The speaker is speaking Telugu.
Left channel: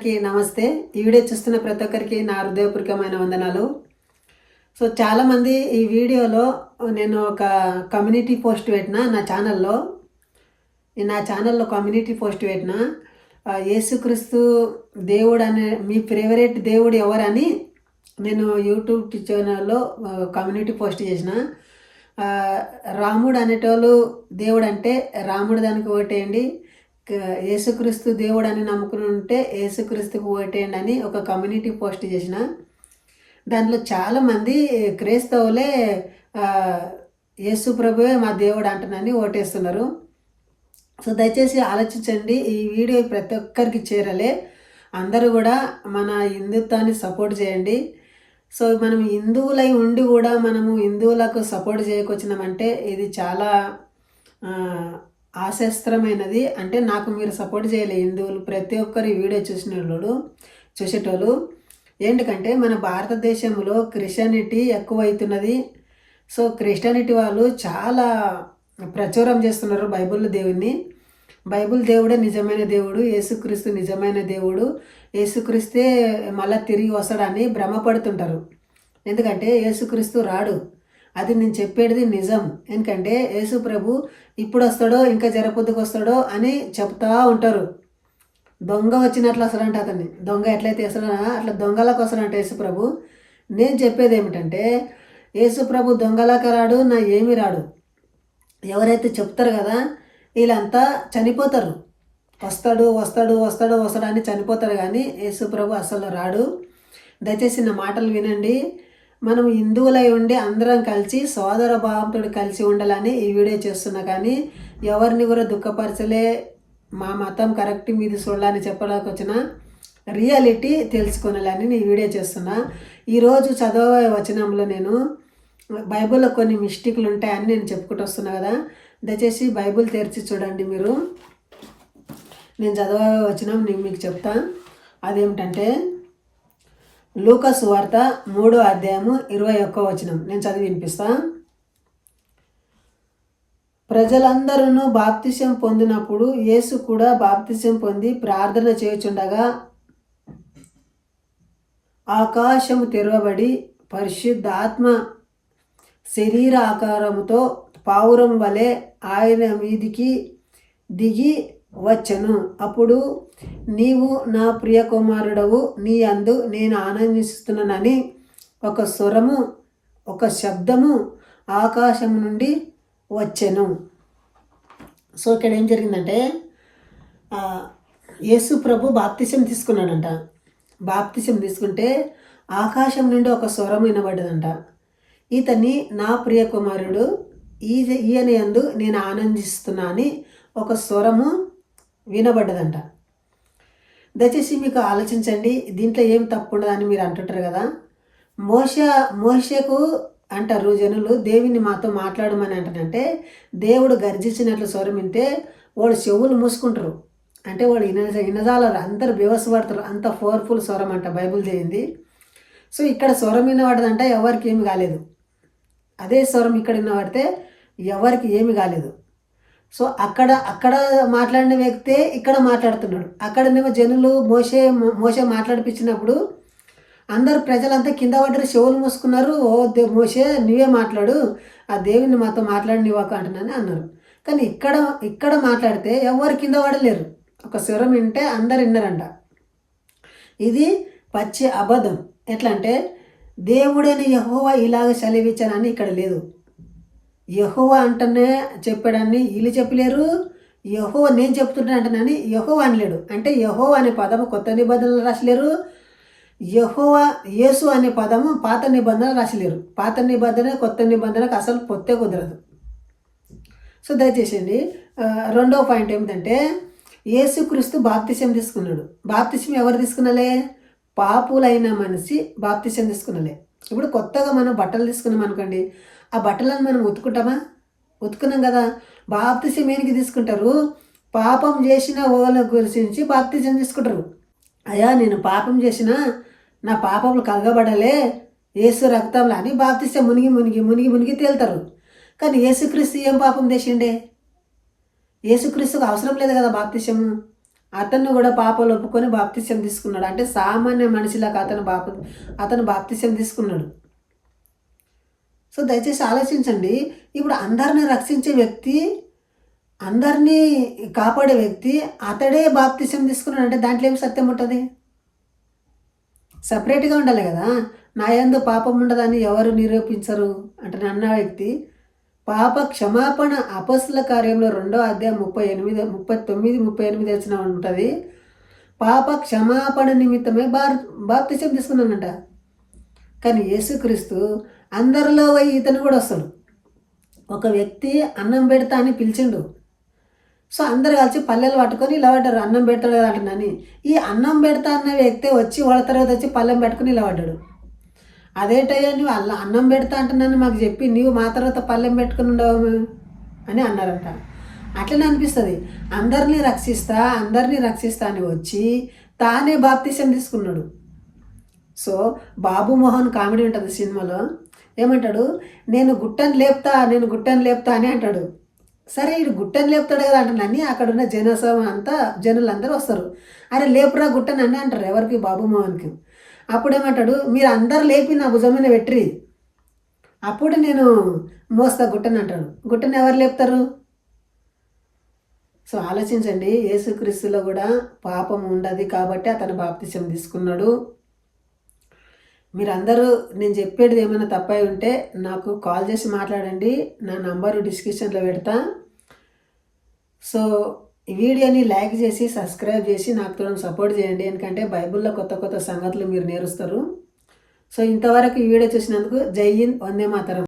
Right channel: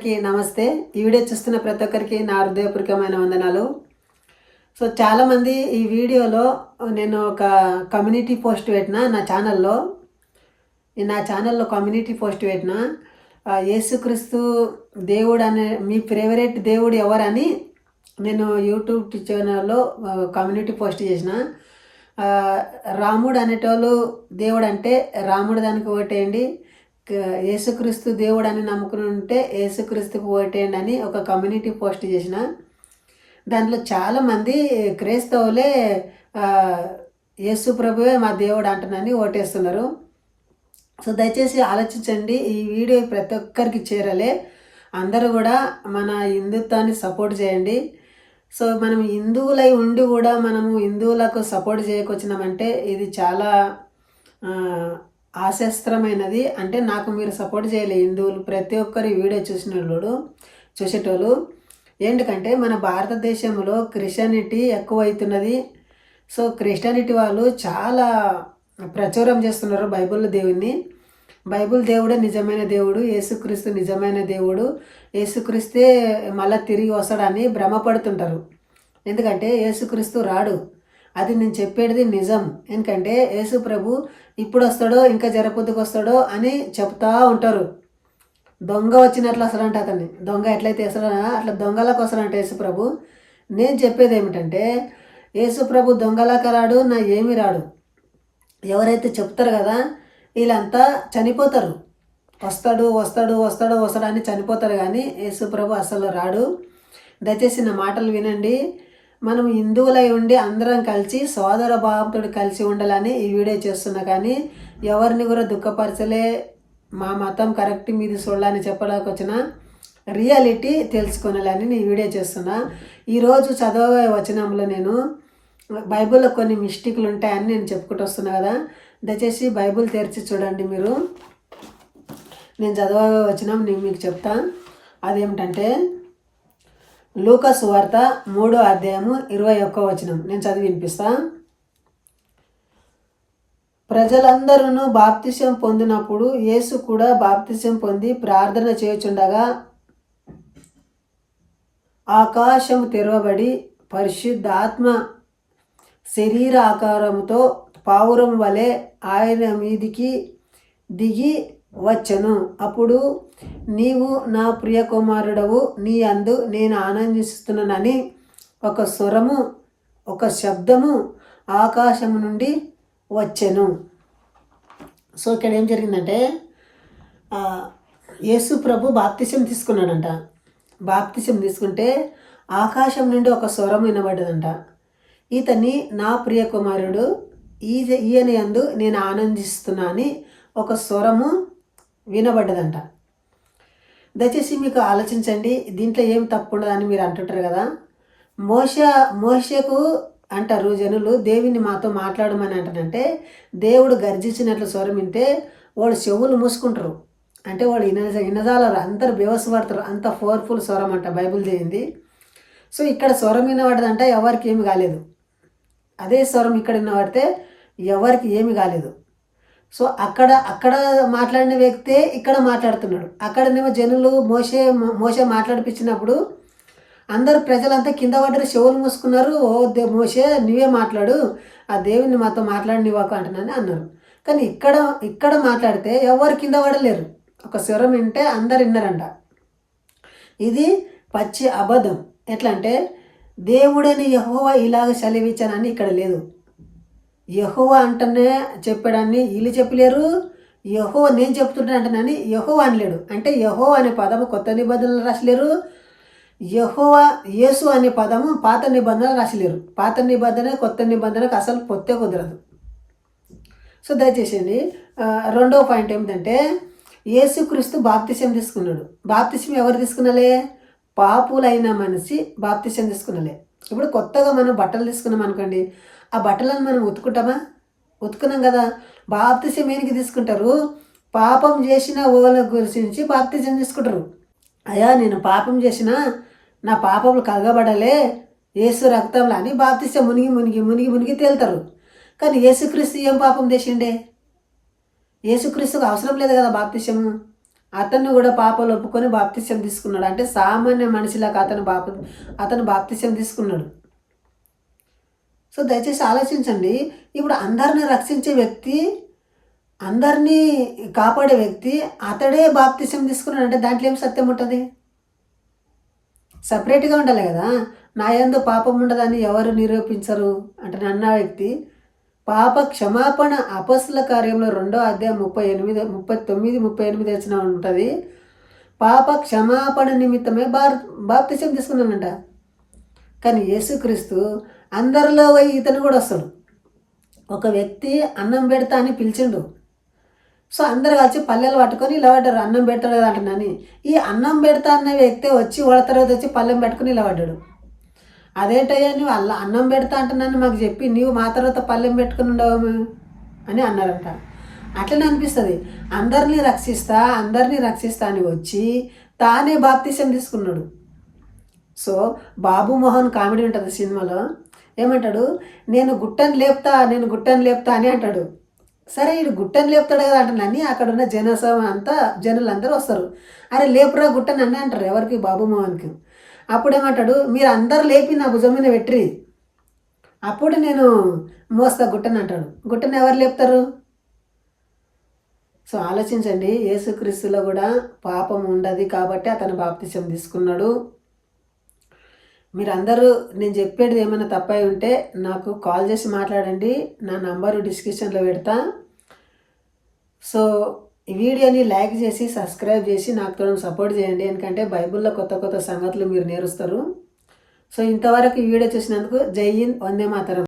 నమస్తే. ఈ వీడియో చూస్తున్న ప్రతి ఒక్కరికి నా హృదయపూర్వకమైన వందనాలు. సో చాలామంది ఈ వీడియోలో నేను ఒక కమ్యూనిటీ పోస్ట్ పెట్టిన నా ఛానల్లో కమ్యూనిటీ పోస్ట్ పెట్టిన యేసుక్రీస్తు దేవుడు అనే మీ ఫేవరెట్ దేవుడు ఎవరని నేను యూట్యూబ్ ఛానల్లో కమ్యూనిటీ పోస్ట్ చేసిన. రాముడు అనేటోళ్ళు దేవుడు అంటే రాముడు దానికి ఓటేయండి, యేసుక్రీస్తు దేవుడు అని నమ్ముకుని ఉంటే యేసుక్రీస్తుకు ఓటేయండి అని ఒక కమ్యూనిటీ పోస్ట్ చేసిన. దాంట్లో చాలామంది క్రైస్తవులే యేసు ప్రభువే మా దేవుడు అంటున్నాని ఓటేస్తున్నారు. సో దయచేసి ఆలోచించండి, ఈ వీడియో ప్రతి ఒక్కరికి చేరాలి. అందరూ కూడా మన హిందుత్వాన్ని సపోర్ట్ చేయండి. సో మనం హిందువులై ఉండి కూడా మనము హిందువులకు సపోర్ట్ చేయకొచ్చినామంటే ఇది చాలా ఆశాస్త్రమైనది. అంటే నాకు మీరు సపోర్ట్ చేయలే హిందువులు ప్రతి ఒక్కరు వీడియో చూసేటోళ్ళు ఏంటంటే మన భారతదేశంలో క్రిస్టియానిటీ ఎక్కువ అవుతున్నది. సో క్రిస్టియానిటీ వాళ్ళు చాలా ప్రచురం చేస్తున్నారు బైబిల్ దేవుడే నిజమైన దేవుడు, యేసుక్రీస్తు నిజమైన దేవుడు, యేసుక్రీస్తే మళ్ళీ తిరిగి వస్తాడని భ్రమపడుతుంటారు. ఎందుకంటే యేసుక్రీస్తు రాడు, అది నేను చెప్పేది నిజం. ఎందుకంటే యేసు ప్రభు ఇప్పుడు వస్తాడో ఇంకా జరపొద్దుకు వస్తాడో అని చెప్తా ఉంటారు. దొంగ వచ్చినట్లు వస్తాడంట అతన్ని, దొంగ ఎట్లయితే వేస్తాడో అట్లా దొంగలకు వస్తాడంట యేసు ప్రభు. నేను చెప్పేది ఏమిటంటే యేసు ప్రభు దొంగలకు రాడు, నా ఏమీ రాడు. ఎవరైతే చెప్తారు కదా వీళ్ళంతా చనిపోతారు. వస్తాడు అని చనిపోతారు, కానీ యేసు ప్రభు అసలు రాడు. దయచేసి నా మాటలు వినండి. మనం హిందువులై ఉండి అందరం కలిసి సోదర భావంతో కలిసి ఉండాలని ఈ వీడియో చేస్తున్నా, కానీ ఎవరిని కూడా దుఃఖపరచలే. మా మతం కరెక్ట్ మీది చూడాలని చెప్పడానికి వచ్చిన రియాలిటీ తెలుసుకోవాలని నేను వీడియో చేస్తున్నా. ఈరోజు చదవే వచనంలో నేను బైబిల్లో కొన్ని మిస్టేక్లు ఉంటాయని నేను చెప్పుకుంటూ వస్తున్నా కదా. దయచేసి బైబిల్ తెరిచి చూడండి. నేను చదవే వచనం నేను మీకు చెప్తా. అదేమిటంటే లూకా సువార్త 3వ అధ్యాయము 21వ వచనం నేను చదివి వినిపిస్తా. ప్రజలందరూ బాప్తిసం పొందినప్పుడు యేసు కూడా బాప్తిసం పొంది ప్రార్థన చేయుచుండగా ఆకాశము తెరవబడి పరిశుద్ధాత్మ శరీర ఆకారముతో పావురం వలె ఆయన మీదికి దిగి వచ్చెను. అప్పుడు నీవు నా ప్రియ కుమారుడవు, నీ అందు నేను ఆనందిస్తున్నానని ఒక స్వరము, ఒక శబ్దము ఆకాశము నుండి వచ్చెను. సో ఇక్కడ ఏం జరిగిందంటే యేసు ప్రభు బాప్తిసం తీసుకున్నాడంట. బాప్తిసం తీసుకుంటే ఆకాశం నుండి ఒక స్వరం వినబడ్డదంట. ఇతన్ని నా ప్రియ కుమారుడు, ఈయన యందు నేను ఆనందిస్తున్నా అని ఒక స్వరము వినబడ్డదంట. దయచేసి మీకు ఆలోచించండి, దీంట్లో ఏం తప్పు ఉండదని మీరు అంటుంటారు కదా. మోషకు అంటారు జనులు, దేవుని మాతో మాట్లాడమని అంటారంటే దేవుడు గర్జించినట్లు స్వరం వింటే వాళ్ళు చెవులు మూసుకుంటారు. అంటే వాళ్ళు ఇనజాలరు, అందరు బేవసపడతారు. అంత పవర్ఫుల్ స్వరం అంట బైబిల్ చేయింది. సో ఇక్కడ స్వరం వినబడ్డదంట, ఎవరికి ఏమి కాలేదు. అదే స్వరం ఇక్కడ వినబడితే ఎవరికి ఏమి కాలేదు. సో అక్కడ మాట్లాడిన వ్యక్తే ఇక్కడ మాట్లాడుతున్నాడు. అక్కడనేమో జనులు మోషే మాట్లాడిపించినప్పుడు అందరు ప్రజలంతా కింద పడ్డారు, చెవులు మూసుకున్నారు. ఓ మోషే నువ్వే మాట్లాడు, ఆ దేవుని మాతో మాట్లాడి నీవాకు అంటున్నాను అన్నారు. కానీ ఇక్కడ మాట్లాడితే ఎవరు కింద పడలేరు. ఒక స్వరం వింటే అందరు విన్నారంట. ఇది పచ్చి అబద్ధం. ఎట్లా అంటే దేవుడని యెహోవా ఇలాగ సెలవిచ్చానని ఇక్కడ లేదు. యెహోవా అంటనే చెప్పాడని వీళ్ళు చెప్పలేరు, యెహోవా నేను చెప్తుంటాను అంటున్నాని యెహోవా అనలేడు. అంటే యెహోవా అనే పదము కొత్త నిబంధనలు రాసలేరు, యెహోవా యేసు అనే పదము పాత నిబంధనలు రాసలేరు. పాత నిబంధన కొత్త నిబంధనకు అసలు పొత్తే కుదరదు. సో దయచేసి రెండవ పాయింట్ ఏమిటంటే యేసుక్రీస్తు బాప్తిసం తీసుకున్నాడు. బాప్తిసం ఎవరు తీసుకున్నలే? పాపులైన మనిషి బాప్తిసం తీసుకున్నలే. ఇప్పుడు కొత్తగా మనం బట్టలు తీసుకున్నాం అనుకోండి, ఆ బట్టలను మనం ఉతుకున్నాం కదా. బాప్తిసం ఏనికి తీసుకుంటారు? పాపం చేసిన వాళ్ళ గురించి బాప్తిసం తీసుకుంటారు. అయ్యా నేను పాపం చేసిన, నా పాపములు కలగబడలే యేసు రక్తంలో అని బాప్తిసం మునిగి తేలుతారు. కానీ యేసుక్రీస్తు ఏం పాపం చేసిండే? యేసుక్రీస్తుకు అవసరం లేదు కదా బాప్తిసము. అతన్ని కూడా పాపాలు ఒప్పుకొని బాప్తిస్యం తీసుకున్నాడు. అంటే సామాన్య మనిషిలాగా అతను బాప్తిస్యం తీసుకున్నాడు. సో దయచేసి ఆలోచించండి. ఇప్పుడు అందరిని రక్షించే వ్యక్తి, అందరినీ కాపాడే వ్యక్తి అతడే బాప్తిస్యం తీసుకున్నాడు అంటే దాంట్లో ఏం సత్యం ఉంటుంది? సపరేట్గా ఉండాలి కదా. నా యందు పాపం ఉండదని ఎవరు నిరూపించరు అంటే అన్న వ్యక్తి పాప క్షమాపణ అపొస్తలుల కార్యంలో 2వ అధ్యాయం 39, 38 వచ్చిన ఉంటుంది. పాప క్షమాపణ నిమిత్తమే బాప్తిసం తీసుకున్నానంట. కానీ యేసుక్రీస్తు అందరిలో పోయి ఇతను కూడా వస్తాడు. ఒక వ్యక్తి అన్నం పెడతా అని పిలిచిండు. సో అందరు కలిసి పల్లెలు పట్టుకొని ఇలా పడ్డారు. అన్నం పెడతాడు కదా అంటున్నాని. ఈ అన్నం పెడతా అన్న వ్యక్తి వచ్చి వాళ్ళ తర్వాత వచ్చి పల్లెం పెట్టుకుని ఇలా పడ్డాడు. అదేంటయ్యా నువ్వు అన్నం పెడతా అంటున్నాను మాకు చెప్పి నీవు మా తర్వాత పల్లెం పెట్టుకుని ఉండవు అని అన్నారంట. అట్లనే అనిపిస్తుంది. అందరినీ రక్షిస్తా అని వచ్చి తానే బాప్తిసం తీసుకున్నాడు. సో బాబు మోహన్ కామెడీ ఉంటుంది సినిమాలో. ఏమంటాడు, నేను గుట్టని లేపుతా అని అంటాడు. సరే వీడు గుట్టని లేపుతాడు కదా అంటున్నాను. అక్కడ ఉన్న జనులందరూ వస్తారు. అరే లేపురా గుట్టని అని అంటారు. ఎవరికి? బాబు మోహన్కి. అప్పుడేమంటాడు, మీరు అందరు లేపి నా భుజం మీద పెట్టిరి, అప్పుడు నేను మోస్తా గుట్టని అంటాడు. గుట్టని ఎవరు లేపుతారు? సో ఆలోచించండి. యేసుక్రీస్తులో కూడా పాపం ఉండదు కాబట్టి అతను బాప్తిసం తీసుకున్నాడు. మీరందరూ నేను చెప్పేది ఏమైనా తప్పై ఉంటే నాకు కాల్ చేసి మాట్లాడండి. నా నంబరు డిస్క్రిప్షన్లో పెడతా. సో ఈ వీడియోని లైక్ చేసి సబ్స్క్రైబ్ చేసి నాకు తోడు సపోర్ట్ చేయండి. ఎందుకంటే బైబిల్లో కొత్త సంగతులు మీరు నేర్చుస్తారు. సో ఇంతవరకు ఈ వీడియో చూసినందుకు జై హింద్, వందే మాతరం.